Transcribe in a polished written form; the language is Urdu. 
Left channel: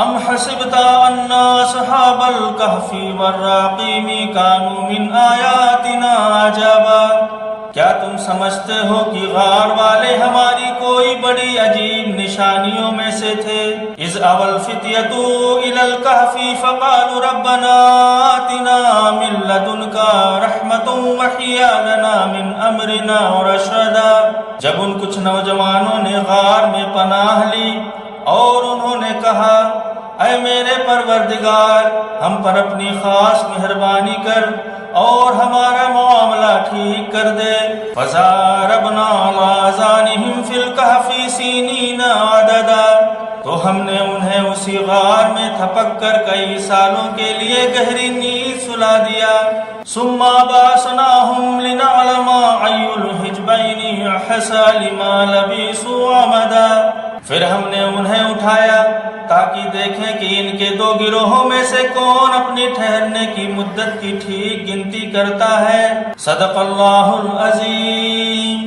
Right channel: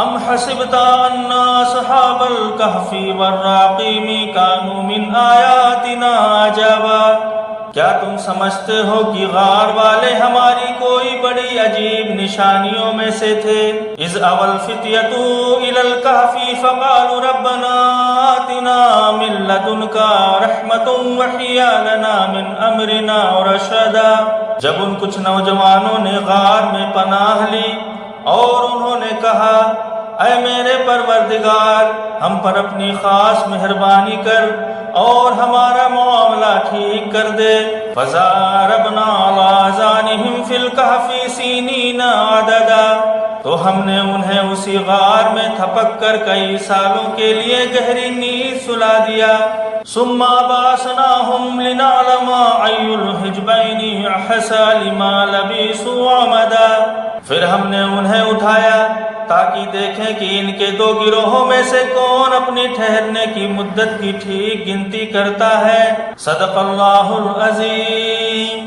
ام حسبت ان اصحاب الكهف والرقیم كانوا من آیاتنا عجبا، کیا تم سمجھتے ہو کہ غار والے ہماری کوئی بڑی عجیب نشانیوں میں سے تھے؟ اذ اوى الفتية الى الكهف فقالوا ربنا آتنا من لدنك رحمة وهيئ لنا من امرنا رشدا، جب ان کچھ نوجوانوں نے غار میں پناہ لی اور انہوں نے کہا اے میرے پروردگار، ہم پر اپنی خاص مہربانی کر اور ہمارا معاملہ ٹھیک کر دے۔ فَضَرَبْنَا عَلَىٰ آذَانِهِمْ فِي الْكَهْفِ سِنِينَ عَدَدًا، تو ہم نے انہیں اسی غار میں تھپک کر کئی سالوں کے لیے گہری نیند سلا دیا۔ ثُمَّ بَعَثْنَاهُمْ لِنَعْلَمَ أَيُّ الْحِزْبَيْنِ أَحْصَىٰ لِمَا لَبِثُوا أَمَدًا، پھر ہم نے انہیں اٹھایا تاکہ دیکھیں کہ ان کے دو گروہوں میں سے کون اپنی ٹھہرنے کی مدت کی ٹھیک گنتی کرتا ہے۔ صدق اللہ العظیم۔